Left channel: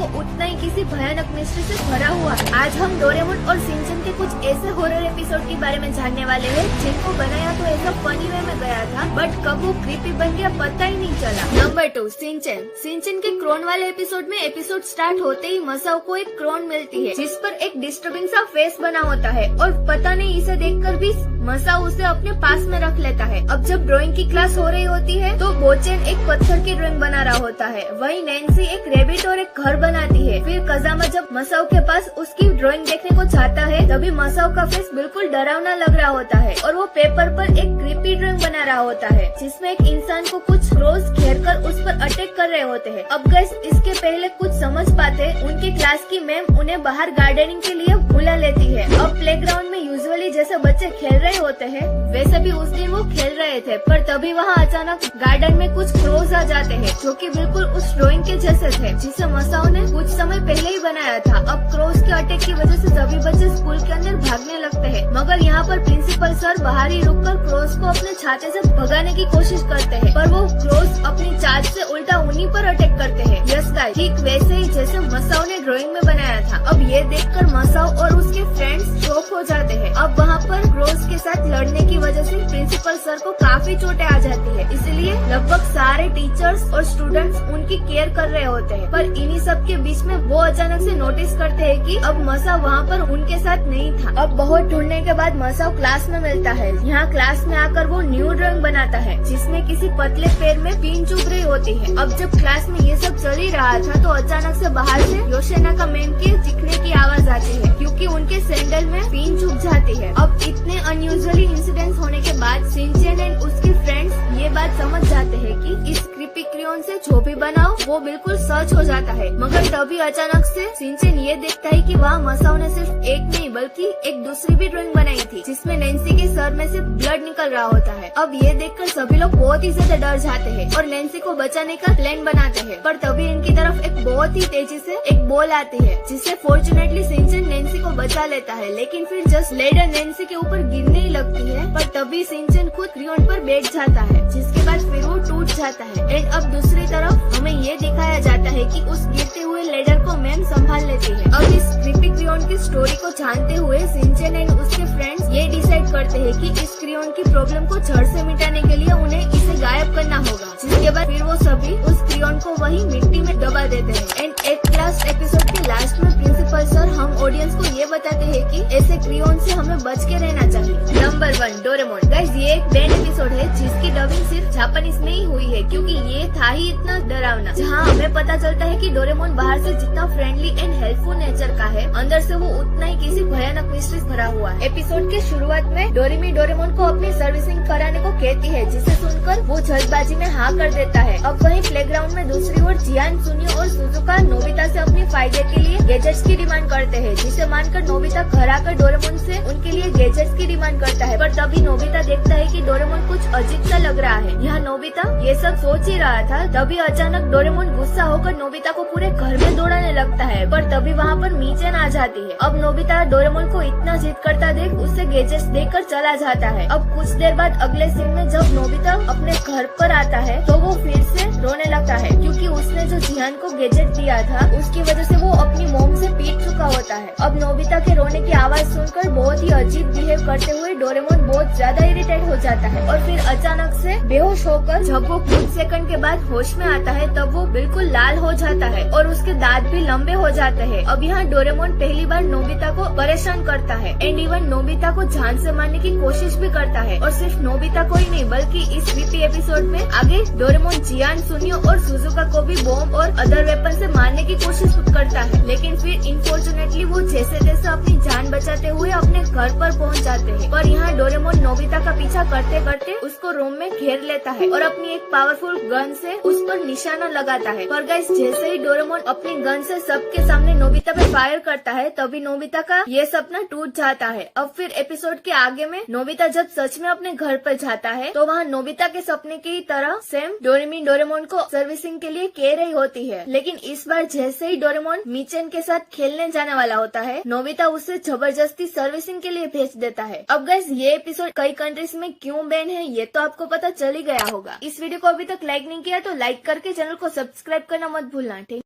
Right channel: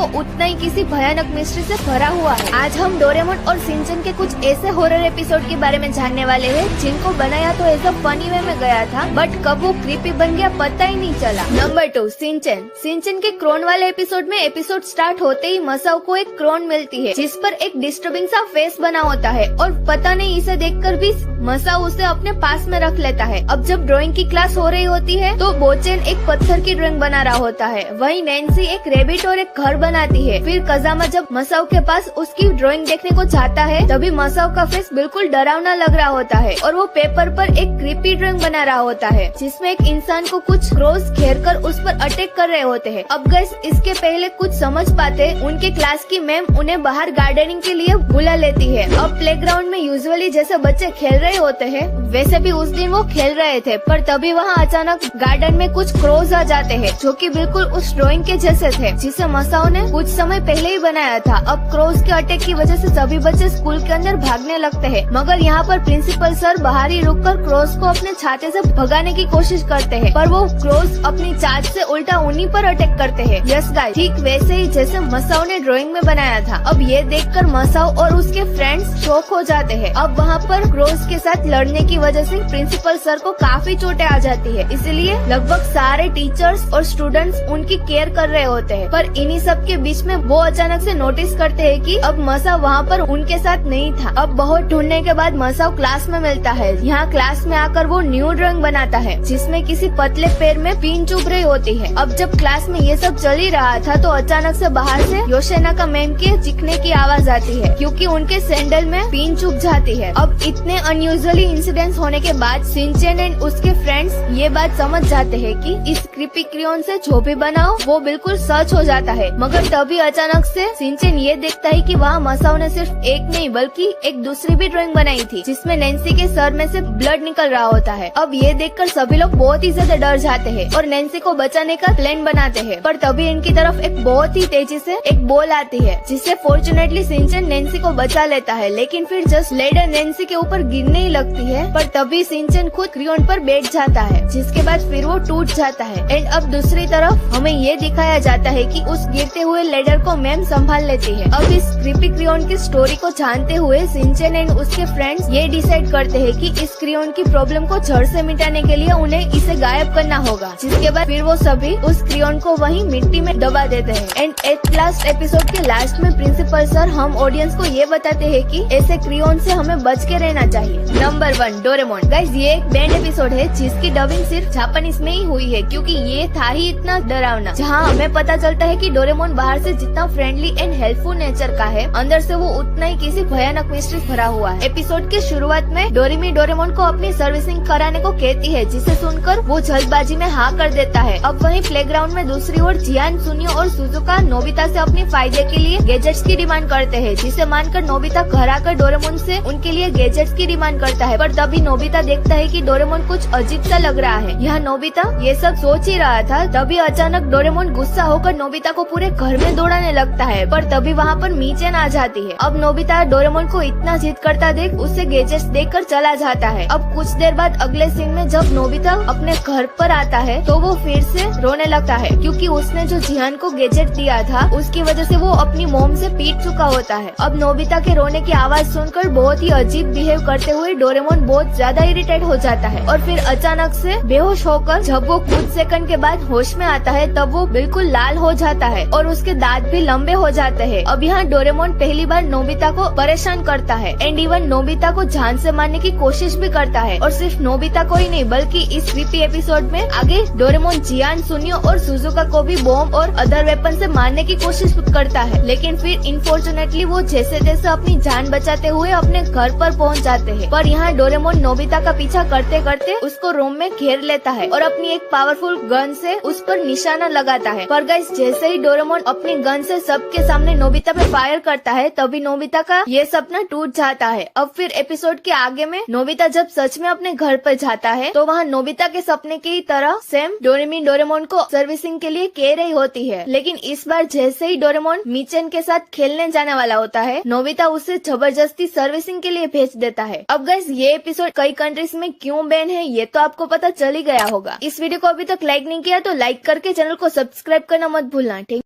वो उतना ही किसी भयानक मिस्ट्री से भरा हुआ है। आज हम डोरेमोन और शिनचैन के कुछ ऐसे हॉरर एपिसोड के बारे में जानने वाले हैं जिनको बनाया तो ऐसा फनी वे में गया था, बट कब वो क्रीपी बन गया पता ही नहीं चला। Number 2, Shinchan. शिनचैन के क्रोन वाले एपिसोड में एपिसोड स्टार्ट होते ही मसाओ को एक क्रोन मिलती है जिस पर एक डिस्टर्बिंग सा फेस बना होता है और पता नहीं इसे देखकर भी मसाओ उसे अपने पास में रख लेता है। अब जब ड्राइंग की क्लास हो रही होती है तो बोचेन एक पत्थर की ड्राइंग बना रहा होता है, वहीं नैन्सी एक रेबिट और एक घर बनाती है। फिर कजामा जब मसाओ के पास उसकी ड्राइंग देखने को जाता है तभी मसाओ का फेस बिल्कुल डरावना लग रहा होता है और वो पेपर पर एक क्रीपी ड्राइंग बना रहा होता है जिसमें एक इंसान को कुछ क्रोस घेर कर उस पर अटैक कर रहे होते हैं। अब गाइस इसके पहले कुछ समझ पाते उनके क्लास की मैम उन्हें बाहर गार्डनिंग के लिए बुला लेती है। अब प्लेग्राउंड में यूजुअली जैसे बच्चे खेल रहे होते हैं वैसे भी उस दिन वो खेल रहे थे, पर तभी वहाँ अचानक गार्डन में कुछ क्रोज आ जाते हैं जो कि बिल्कुल उस ड्राइंग के जैसे थे जिसे मसाओ ने कुछ समय पहले ही बनाया था। अब क्रोज के अटैक की वजह से सभी बच्चे स्कूल के अंदर भागने लगते हैं, मगर यहाँ पर प्रिंसिपल सर बाहर ही रुककर क्रोज को अपने छाते से भगाने की कोशिश करते हैं, पर वो क्रोज अपनी चार्ज से उल्टा उन्हीं पर अटैक करते हैं। यस गाइस, ठीक वैसे ही जैसे मसाओ ने ड्राइंग में बनाया था। अब ये देखकर मसाओ और उसके फ्रेंड्स शॉक हो जाते हैं। अब वहाँ पर क्रोज के साथ लड़ने की वजह से प्रिंसिपल सर को काफी चोटें आ जाती है, इसलिए लगभग सारे टीचर्स और स्टूडेंट्स उनकी केयर कर रहे होते हैं। पर इन्हीं सब के बीच में वो अचानक से नोटिस करते हैं कि अब मसाओ वहाँ पर उनके साथ नहीं था। अब बहुत ढूंढने के बाद मसाओ क्लास में मिलता है। यहाँ क्लास में आकर वो न्यू ड्राइंग बनाता है जिसमें किसी पतले पैर में पिन चुभ रही होती है। अब जब क्लास में ये सब चल ही रहा था तो अचानक से बाहर से योशेनाका मैम के चीखने की आवाज आती है क्योंकि उनके सैंडल में पिन चुभ जाती है। अब इतने अनयूजुअली इंसिडेंट्स होने के बाद शिनचैन एंड उसके फ्रेंड्स ये बात समझ जाते हैं कि इस क्रीपी क्रेयॉन से जो भी बनाओ वो बिल्कुल सच हो जाता है। मगर तभी अचानक से शिनचैन ये देखता है कि वहाँ मसाओ ने सिर्फ एक नहीं बल्कि एक दूसरी भी ड्राइंग बनाई थी जिसमें नैन्सी के सर में से ब्लड निकल रहा होता है। अब ये देखकर सभी लोग बहुत ही ज्यादा डर जाते हैं और नैन्सी को बचाने का प्लान बनाते हैं, पर तभी इनकी तरफ एक बहुत ही तेजी से एक बॉल आती है जिससे फॉर्चुनेटली शिनचैन नैन्सी को बचा लेता है, लेकिन फिर जस्ट लेडर नैन्सी के ऊपर गिरने ही लगती है। पर तभी शिनचैन खुद क्रेयॉन पर बैठ जाता है जिसके बाद फिर वो टूट जाता है। एंड अब दूसरी तरफ हमें ये दिखाया जाता है कि उस गिरते हुए लेडर को मैम संभाल लेती है। अब इस क्रीपी क्रेयॉन की स्टोरी को जानते हुए शिनचैन एंड उसके फ्रेंड्स ये डिसाइड करते हैं कि इस क्रेयॉन की प्रॉब्लम को जड़ से मिटाने के लिए उन्हें इसे गायब करना होगा, जिसके बाद फिर वो सभी उस क्रेयॉन को वहीं मिट्टी में दबा देते हैं। एंड एक लास्ट एपिसोड के लास्ट में प्रिंसिपल सर हम ऑडियंस को ये बताते हैं कि ऐसे क्रेयॉन से हमें बच के रहना चाहिए। Number 1, Doraemon. गाइस ये एक बैंड एपिसोड है जिसकी डबिंग सिर्फ जापानीज में ही हुई है क्योंकि ये था ही इतना डरावना, जहाँ हमें पता चलता है कि डोरेमोन बाहर से जितना फ्रेंडली एंड हेल्पफुल नेचर का है अंदर से वो उतना ही किसी भयानक मिस्ट्री भरा हुआ है। एपिसोड की शुरुआत में डोरेमी डोरेमोन को अपनी सर्विसिंग कराने को कहती है जिसे सुनकर वो जल्दबाजी में हाँ कर देता है। अब वहीं प्लेग्राउंड में दूसरी ओर जियान, सुनियो और सुजुका नोबिता से अपने फायदे के लिए गैजेट्स की डिमांड करते हैं, जिसे मानकर नोबिता घर आकर डोरेमोन से उनके लिए गैजेट्स की डिमांड करता है। पर तभी नोबिता देखता है कि डोरेमोन कुछ अजीब सा लग रहा है। यहाँ नोबिता ये सब सोच ही रहा था, तभी अचानक डोरेमोन गुस्सा होकर नोबिता को पूरे घर में दौड़ाने लगता है, पर तभी वहाँ पर मीचेन आ जाती है। अब नोबिता डोरेमोन को इतना जिद करता देख उससे गैजेट्स देकर चला जाता है। अब कुछ देर बाद अगले सीन में जब नोबिता अपने घर पर आता है तो वो फिर से रोने लगता है क्योंकि उसने जो जियान को गैजेट दिया था उसकी वजह से वो अपनी मोम से पीट चुका होता है। अब नोबिता के रोने की आवाज सुनकर बहुत ही अजीब बिहेव करते हुए डोरेमोन बहुत ज्यादा इरिटेट हो जाता है और फिर अचानक से बेहोश होकर जब वो कुछ सेकंड के बाद होश में आता है तब वो बिल्कुल लाल हो जाता है और उसके दांत भी लंबे हो जाते हैं। अब यहाँ डोरेमोन पहली बार नोबिता को परेशान करता है एंड इवन नोबिता को जान से मारने की कोशिश भी करता है, और सिर्फ नोबिता को ही नहीं बल्कि इस क्रीपी एपिसोड में आगे डोरेमोन जियान, सुनियो और सुजुका को भी बॉम्ब और अदर वेपन से मारने की कोशिश करता है, लेकिन फिर इनफॉर्चुनेटली वो जैसे तैसे अपनी जान बचाते हुए अपने घर पर पहुंच जाते हैं। पर यहाँ डोरेमोन नोबिता का पीछा करते करते उसको रूम में घेर लेता है और अपनी एक पावरफुल गन से उस पर निशाना लगाता है। पर गाइस जैसे ही डोरेमोन अपनी गन से सबके सामने नोबिता पे फायर करता है तभी नोबिता का ये सपना टूट जाता है। अब फिर एपिसोड के आगे में नोबिता जब सच में अपने घर पर जाता है तो वहाँ नोबिता के सपने की तरह सेम डोरेमी डोरेमोन को सर्विसिंग के लिए कह रही होती है, लेकिन इस बार जैसे ही डोरेमोन मीचेन के साथ खेलने जाने वाला होता है नोबिता उसे जबरदस्ती सर्विसिंग के लिए भेज देता है। अब गाइस ये एपिसोड कई कंट्रीज में क्यों बैन है ये तो आपको पता चल ही गया होगा। इस वीडियो को अभी तक लाइक नहीं किया तो लाइक करके चैनल को सब्सक्राइब करना मत भूलना, ठीक।